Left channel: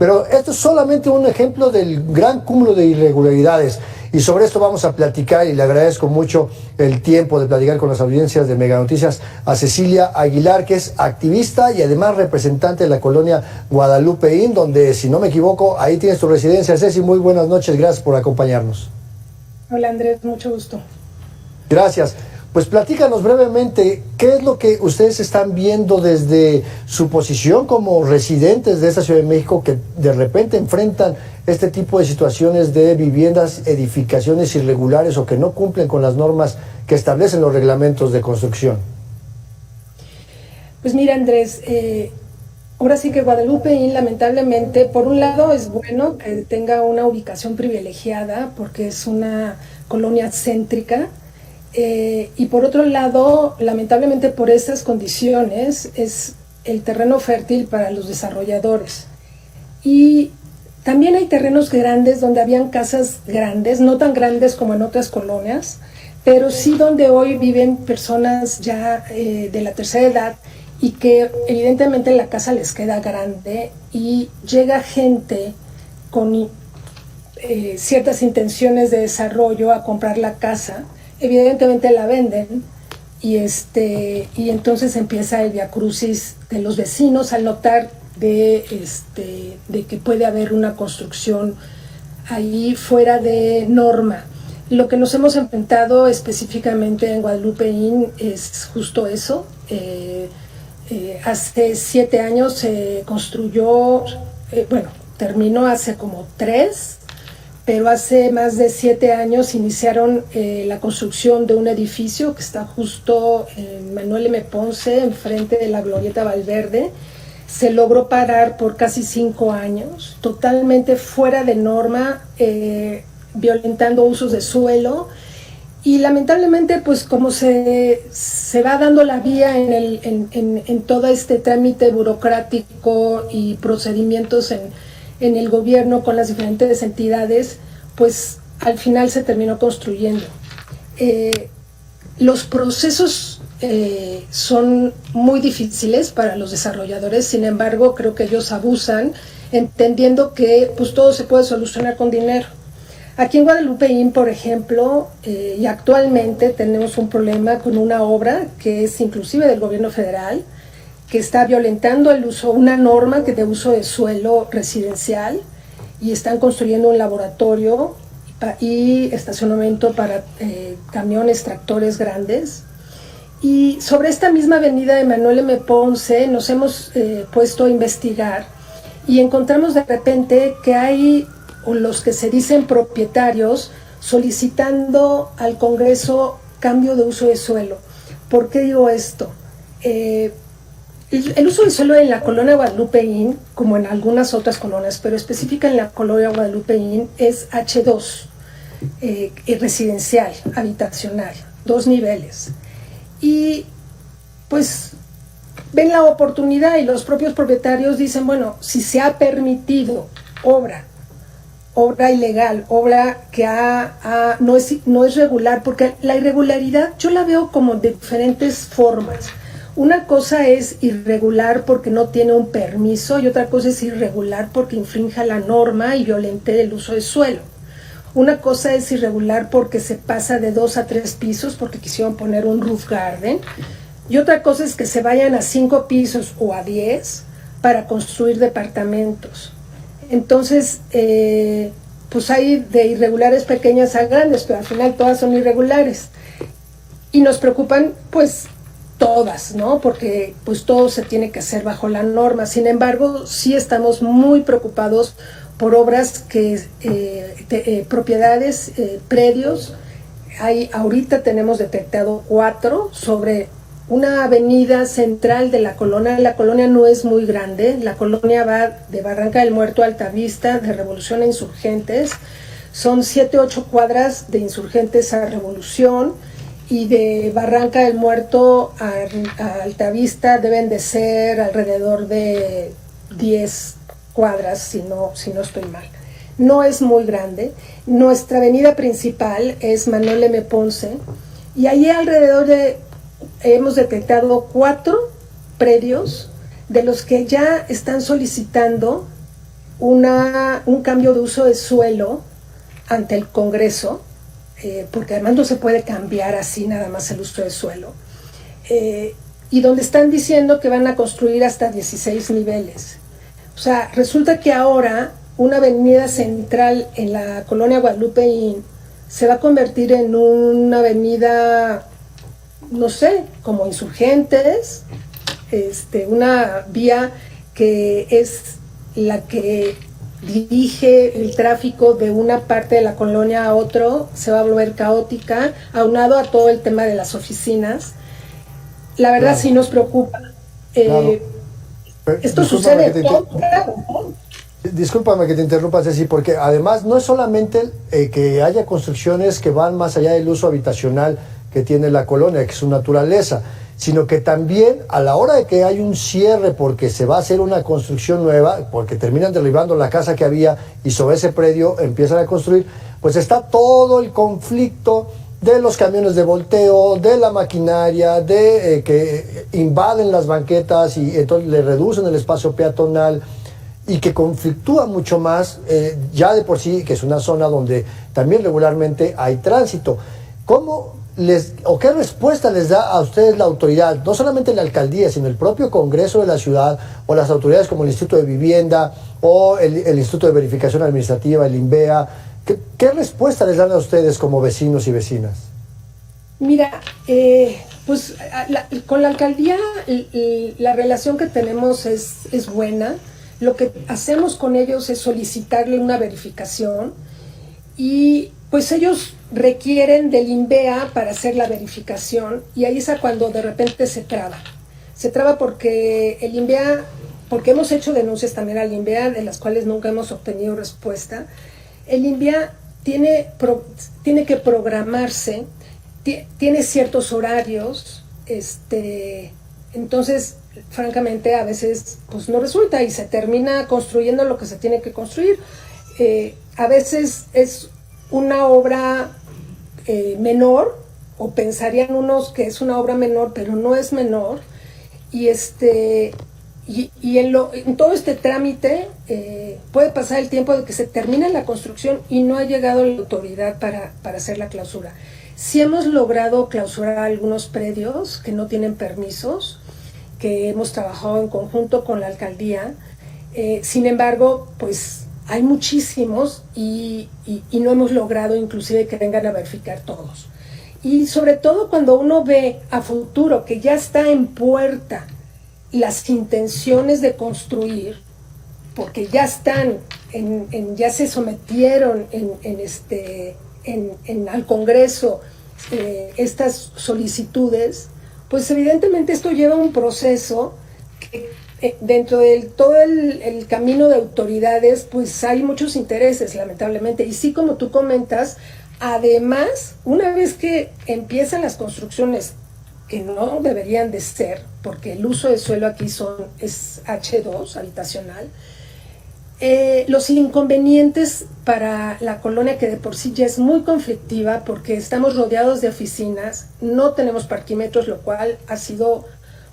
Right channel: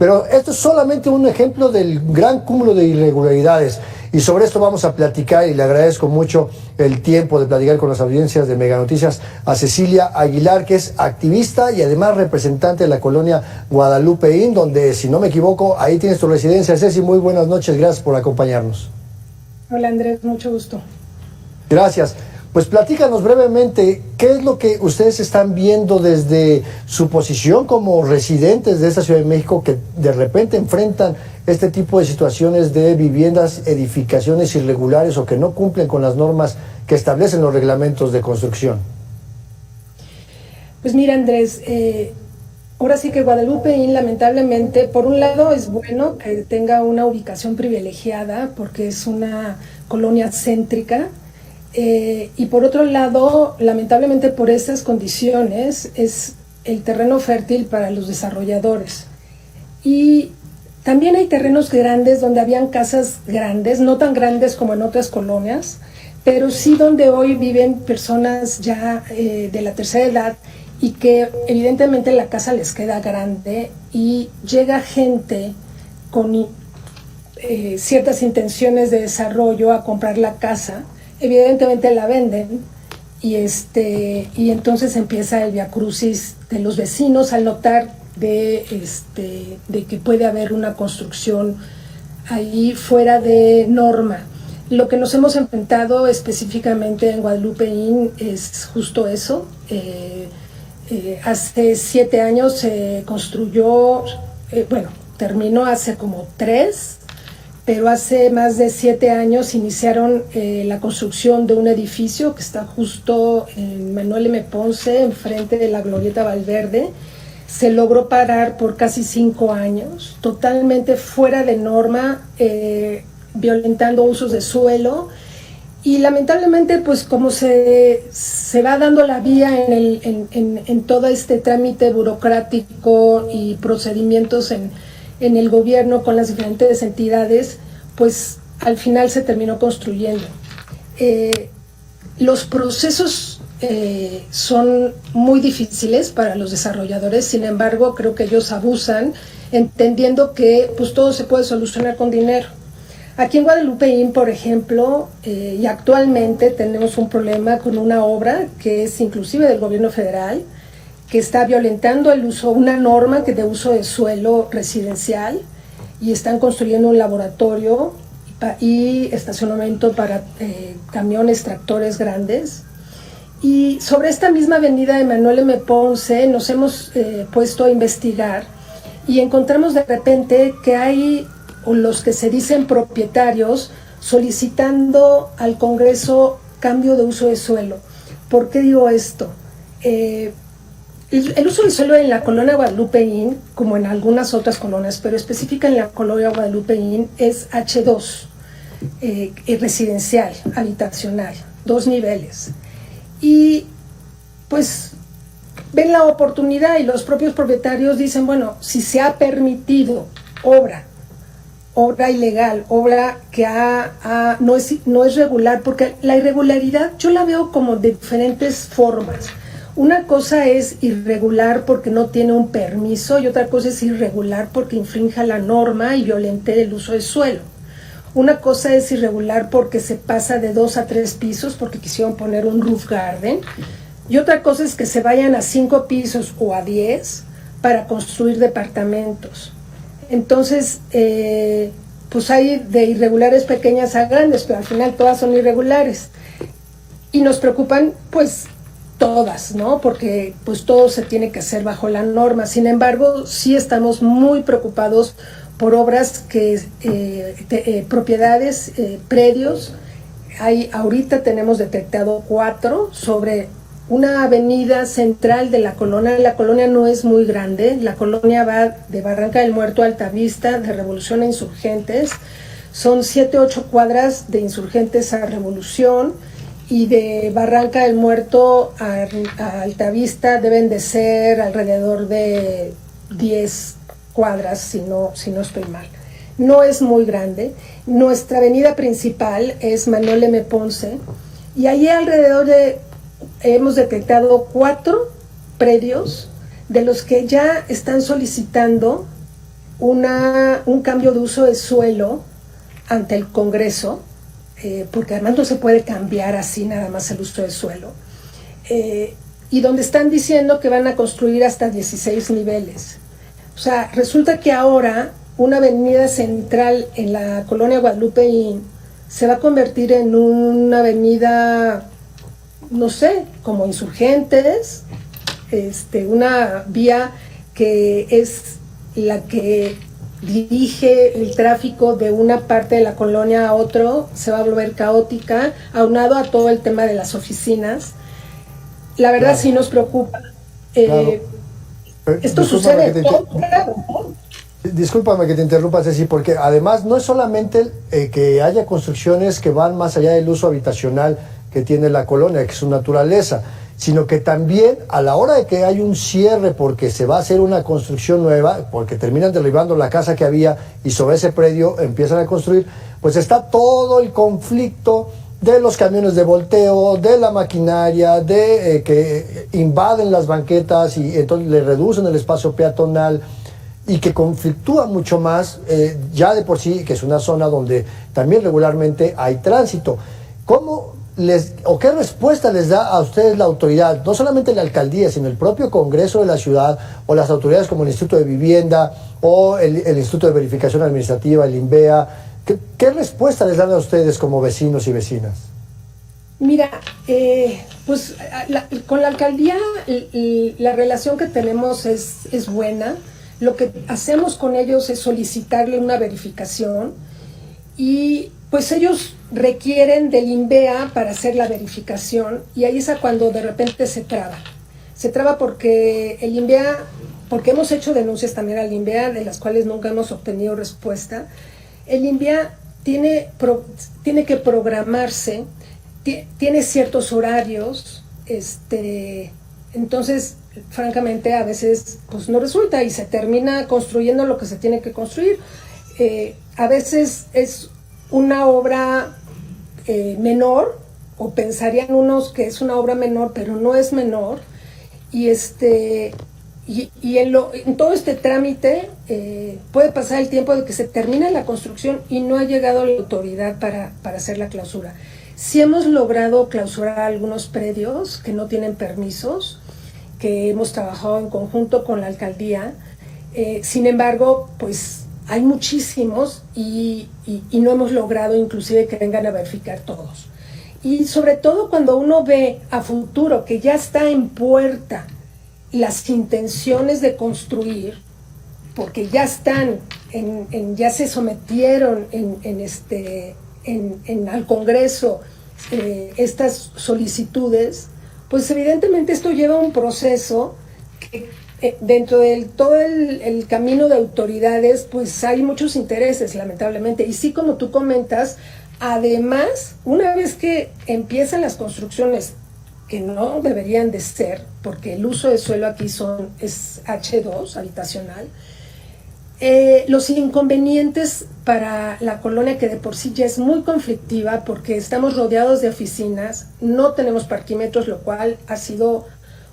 Pero esto es solamente un ejemplo del gran cúmulo de irregularidades. Y sobre esto vamos a platicar, y le agradezco mucho el tiempo de platicar con las audiencias de Mega Noticias a Cecilia Aguilar, que es activista y además representante de la colonia Guadalupeín, donde, si no me equivoco, ahí tienes tu residencia. Ceci, muy buenas noches, gracias por acompañarnos. Hola Andrés, mucho gusto. Gracias. Pues platícanos brevemente, ¿qué es lo que ustedes están viendo desde su posición como residentes de esta Ciudad de México que de repente enfrentan este tipo de situaciones de viviendas, edificaciones irregulares o que no cumplen con las normas que establecen los reglamentos de construcción? Pues mira Andrés, ahora sí que Guadalupeín lamentablemente, por un lado es bueno que tenga una ubicación privilegiada porque es una colonia céntrica, y por otro lado, lamentablemente por esas condiciones, es el terreno fértil para los desarrolladores. Y también hay terrenos grandes donde habían casas grandes, no tan grandes como en otras colonias, pero sí donde hoy viven personas ya de la tercera edad y que evidentemente la casa les queda grande y llega gente con ciertas intenciones de desarrollo a comprar la casa. Evidentemente la venden y entonces empieza el viacrucis de los vecinos al notar de que puede haber una construcción allí fuera de norma. Lo que nos hemos enfrentado específicamente en Guadalupeín es justo eso. Hace 7 años se construyó, terminó hace como 3, pero hace más de 7 años iniciaron la construcción de un edificio que está justo en Manuel M. Ponce, enfrente de la Glorieta Valverde. Se logró parar por casi 5 años, totalmente fuera de norma, violentando usos de suelo. Y lamentablemente, pues como se va dando la vía en todo este trámite burocrático y procedimientos en el gobierno con las diferentes entidades, pues al final se terminó construyendo. Los procesos son muy difíciles para los desarrolladores, sin embargo creo que ellos abusan, entendiendo que pues todo se puede solucionar con dinero. Aquí en Guadalupeín, por ejemplo, y actualmente tenemos un problema con una obra que es inclusive del gobierno federal, que está violentando una norma de uso de suelo residencial, y están construyendo un laboratorio y estacionamiento para camiones, tractores grandes. Y sobre esta misma avenida de Manuel M. Ponce nos hemos puesto a investigar y encontramos de repente que hay los que se dicen propietarios solicitando al Congreso cambio de uso de suelo. ¿Por qué digo esto? El uso del suelo en la colonia Guadalupeín, como en algunas otras colonias, pero específica en la colonia Guadalupeín, es H2, residencial, habitacional, 2 niveles. Y pues ven la oportunidad y los propios propietarios dicen, bueno, si se ha permitido obra ilegal, obra que no es regular, porque la irregularidad yo la veo como de diferentes formas. Una cosa es irregular porque no tiene un permiso y otra cosa es irregular porque infrinja la norma y violente el uso de suelo. Una cosa es irregular porque se pasa de 2 a 3 pisos porque quisieron poner un roof garden, y otra cosa es que se vayan a 5 pisos o a 10 para construir departamentos. Entonces, pues hay de irregulares pequeñas a grandes, pero al final todas son irregulares. Y nos preocupan, pues, todas, ¿no? Porque pues todo se tiene que hacer bajo la norma. Sin embargo, sí estamos muy preocupados por obras propiedades, predios. Ahorita tenemos detectado 4 sobre una avenida central de la colonia. La colonia no es muy grande, la colonia va de Barranca del Muerto a Altavista, de Revolución a Insurgentes. Son 7-8 cuadras de Insurgentes a Revolución, y de Barranca del Muerto a Altavista deben de ser alrededor de 10 cuadras, si no estoy mal. No es muy grande. Nuestra avenida principal es Manuel M. Ponce, y allí alrededor hemos detectado 4 predios de los que ya están solicitando un cambio de uso de suelo ante el Congreso, porque además no se puede cambiar así nada más el uso de suelo, y donde están diciendo que van a construir hasta 16 niveles. O sea, resulta que ahora una avenida central en la colonia Guadalupeín se va a convertir en una avenida, no sé, como Insurgentes, una vía que es la que dirige el tráfico de una parte de la colonia a otro, se va a volver caótica, aunado a todo el tema de las oficinas. La verdad sí nos preocupa. Claro. Esto sucede. Discúlpame que te interrumpa, Ceci, porque además no es solamente que haya construcciones que van más allá del uso habitacional que tiene la colonia, que es su naturaleza, sino que también a la hora de que hay un cierre porque se va a hacer una construcción nueva, porque terminan derribando la casa que había y sobre ese predio empiezan a construir, pues está todo el conflicto de los camiones de volteo, de la maquinaria, de que invaden las banquetas y entonces le reducen el espacio peatonal y que conflictúa mucho más, ya de por sí, que es una zona donde también regularmente hay tránsito. ¿Cómo qué respuesta les da a ustedes la autoridad, no solamente la alcaldía, sino el propio Congreso de la ciudad o las autoridades como el Instituto de Vivienda o el Instituto de Verificación Administrativa, el INVEA? ¿Qué respuesta les dan a ustedes como vecinos y vecinas? Mira, pues con la alcaldía la relación que tenemos es buena. Lo que hacemos con ellos es solicitarle una verificación y pues ellos requieren del INVEA para hacer la verificación y ahí es cuando de repente se traba. Se traba porque el INVEA, porque hemos hecho denuncias también al INVEA de las cuales nunca hemos obtenido respuesta. El INVEA tiene que programarse, tiene ciertos horarios, entonces francamente a veces pues no resulta y se termina construyendo lo que se tiene que construir. A veces es una obra menor, o pensarían unos que es una obra menor, pero no es menor, y en todo este trámite puede pasar el tiempo de que se termine la construcción y no ha llegado la autoridad para hacer la clausura. Sí hemos logrado clausurar algunos predios que no tienen permisos, que hemos trabajado en conjunto con la alcaldía, sin embargo, pues hay muchísimos y no hemos logrado inclusive que vengan a verificar todos. Y sobre todo cuando uno ve a futuro que ya está en puerta las intenciones de construir, porque ya están, ya se sometieron al Congreso estas solicitudes, pues evidentemente esto lleva un proceso que dentro de todo el camino de autoridades, pues hay muchos intereses, lamentablemente. Y sí, como tú comentas, además, una vez que empiezan las construcciones, que no deberían de ser, porque el uso de suelo aquí es H2, habitacional, los inconvenientes para la colonia, que de por sí ya es muy conflictiva, porque estamos rodeados de oficinas, no tenemos parquímetros, lo cual ha sido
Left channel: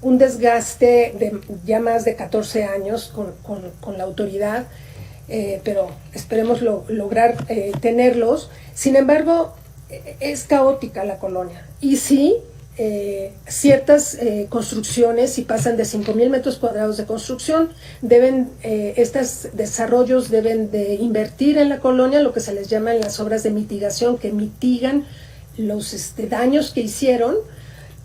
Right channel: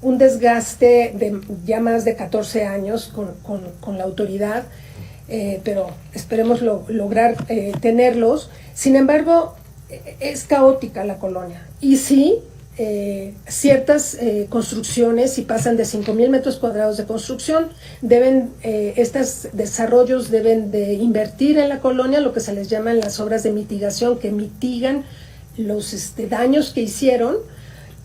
un desgaste de ya más de 14 años con la autoridad, pero esperemos lograr tenerlos. Sin embargo, es caótica la colonia. Y sí, ciertas construcciones, si pasan de 5,000 metros cuadrados de construcción, estos desarrollos deben de invertir en la colonia lo que se les llaman las obras de mitigación, que mitigan los daños que hicieron,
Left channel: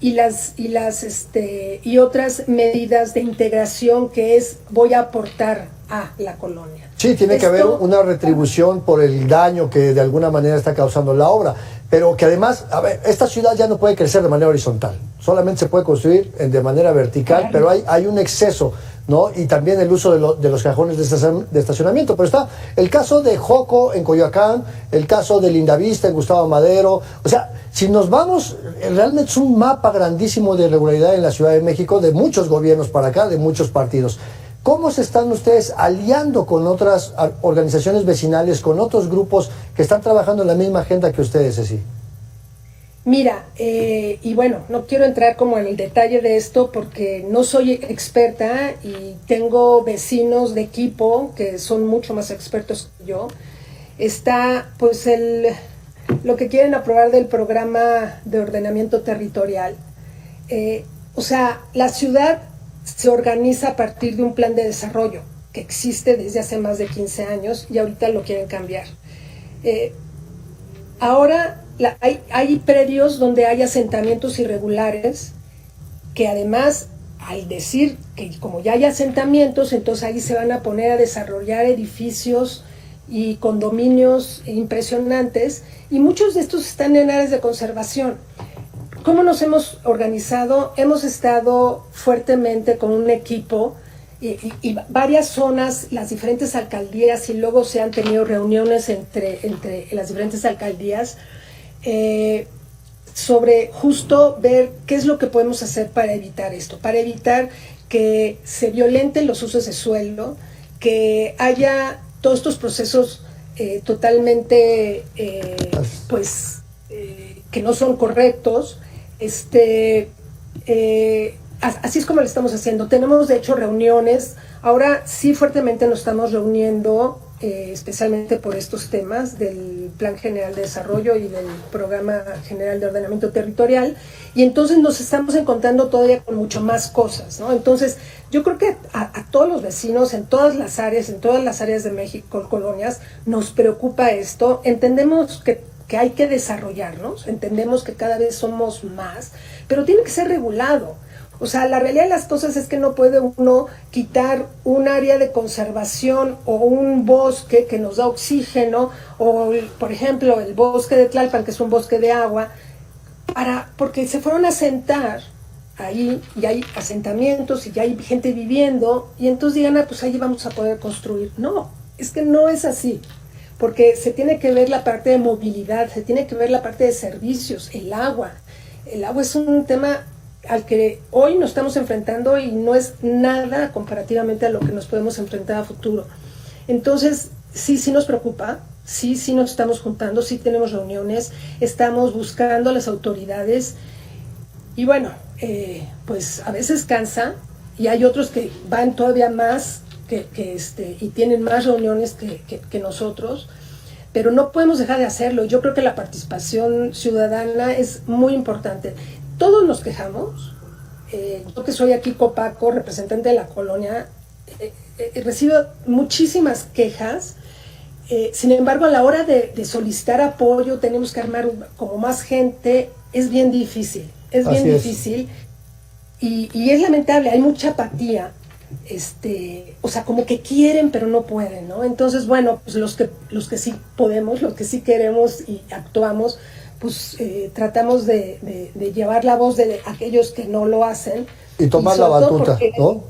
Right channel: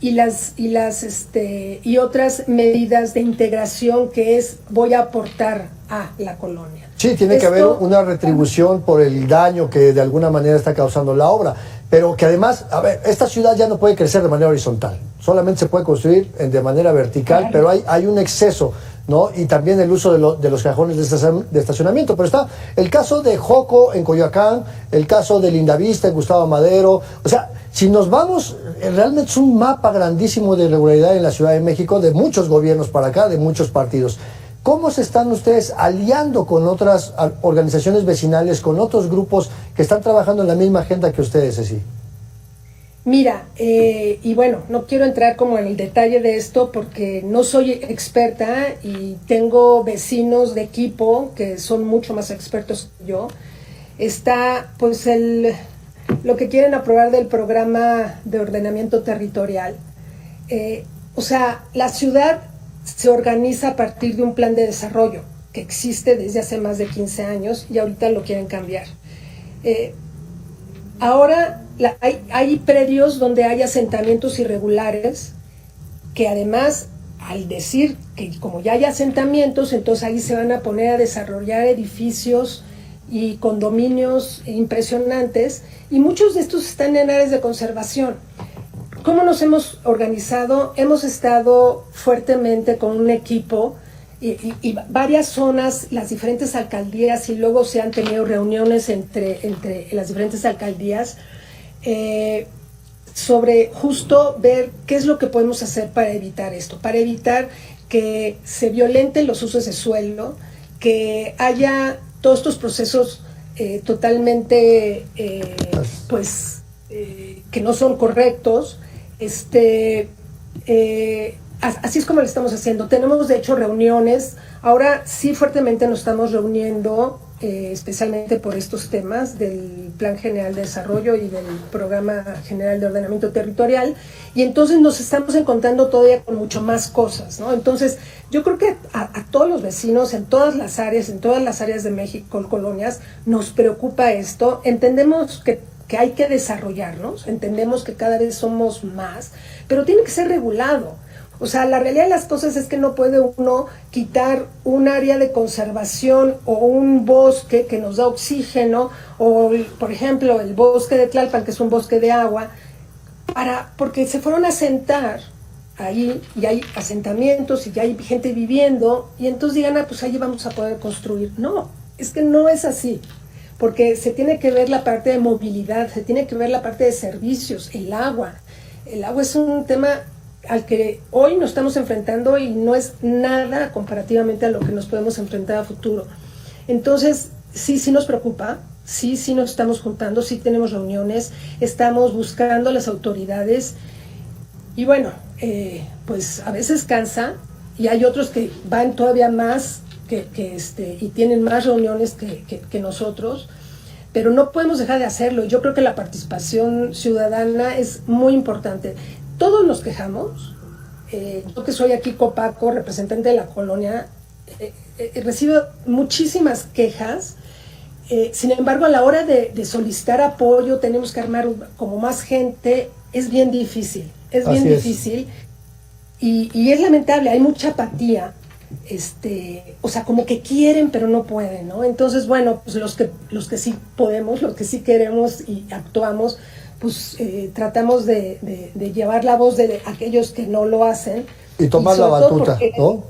y otras medidas de integración, que es voy a aportar a la colonia. Sí, tiene que haber una retribución por el daño que de alguna manera está causando la obra, pero que además, a ver, esta ciudad ya no puede crecer de manera horizontal, solamente se puede construir de manera vertical, claro. Pero hay un exceso, ¿no? Y también el uso de los cajones de estacionamiento. Pero está el caso de Joco en Coyoacán, el caso de Lindavista en Gustavo Madero. O sea, si nos vamos, realmente es un mapa grandísimo de irregularidad en la Ciudad de México, de muchos gobiernos para acá, de muchos partidos. ¿Cómo se están ustedes aliando con otras organizaciones vecinales, con otros grupos que están trabajando en la misma agenda que ustedes, Ceci? Mira, y bueno, no quiero entrar como en el detalle de esto porque no soy experta y tengo vecinos de equipo que son mucho más expertos que yo. Está pues lo que quieren aprobar del programa de ordenamiento territorial. O sea, la ciudad se organiza a partir de un plan de desarrollo que existe desde hace más de 15 años y ahorita lo quieren cambiar. Ahora hay predios donde hay asentamientos irregulares que además, al decir que como ya hay asentamientos, entonces ahí se van a poner a desarrollar edificios y condominios impresionantes, y muchos de estos están en áreas de conservación. ¿Cómo nos hemos organizado? Hemos estado fuertemente con un equipo y varias zonas, las diferentes alcaldías, y luego se han tenido reuniones entre las diferentes alcaldías sobre justo ver qué es lo que podemos hacer para evitar esto, para evitar que se violenten los usos de suelo, que haya todos estos procesos totalmente que no son correctos. Así es como lo estamos haciendo. Tenemos de hecho reuniones, ahora sí fuertemente nos estamos reuniendo, especialmente por estos temas del Plan General de Desarrollo y del Programa General de Ordenamiento Territorial, y entonces nos estamos encontrando todavía con mucho más cosas, ¿no? Entonces yo creo que a todos los vecinos en todas las áreas de México, colonias, nos preocupa esto. Entendemos que hay que desarrollarnos, entendemos que cada vez somos más, pero tiene que ser regulado. O sea, la realidad de las cosas es que no puede uno quitar un área de conservación o un bosque que nos da oxígeno, o por ejemplo el bosque de Tlalpan, que es un bosque de agua, porque se fueron a asentar ahí y hay asentamientos y ya hay gente viviendo, y entonces digan, pues ahí vamos a poder construir. No, es que no es así, porque se tiene que ver la parte de movilidad, se tiene que ver la parte de servicios, el agua. El agua es un tema al que hoy nos estamos enfrentando y no es nada comparativamente a lo que nos podemos enfrentar a futuro. Entonces, sí nos preocupa, sí nos estamos juntando, sí tenemos reuniones, estamos buscando a las autoridades, y bueno, pues a veces cansa, y hay otros que van todavía más y tienen más reuniones que nosotros, pero no podemos dejar de hacerlo. Yo creo que la participación ciudadana es muy importante. Todos nos quejamos. Yo que soy aquí copaco, representante de la colonia, recibo muchísimas quejas. Sin embargo, a la hora de solicitar apoyo, tenemos que armar como más gente. Es bien difícil, difícil. Y es lamentable, hay mucha apatía. O sea, como que quieren pero no pueden, ¿no? Entonces, bueno, pues los que sí podemos, los que sí queremos y actuamos, pues tratamos de llevar la voz de aquellos que no lo hacen. Y tomar la batuta, ¿no?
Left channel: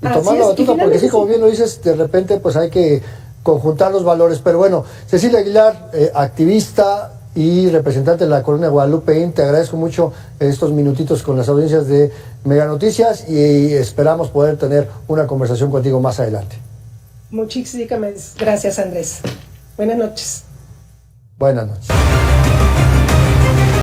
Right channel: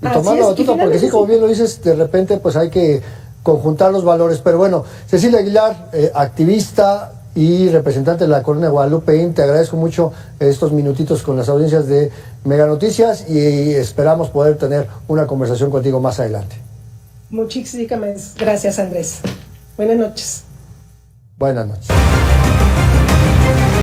Y tomar la batuta, porque sí, como bien lo dices, de repente pues hay que conjuntar los valores. Pero bueno, Cecilia Aguilar, activista y representante de la colonia Guadalupeín, te agradezco mucho estos minutitos con las audiencias de Mega Noticias, y esperamos poder tener una conversación contigo más adelante. Muchísimas gracias, Andrés. Buenas noches. Buenas noches.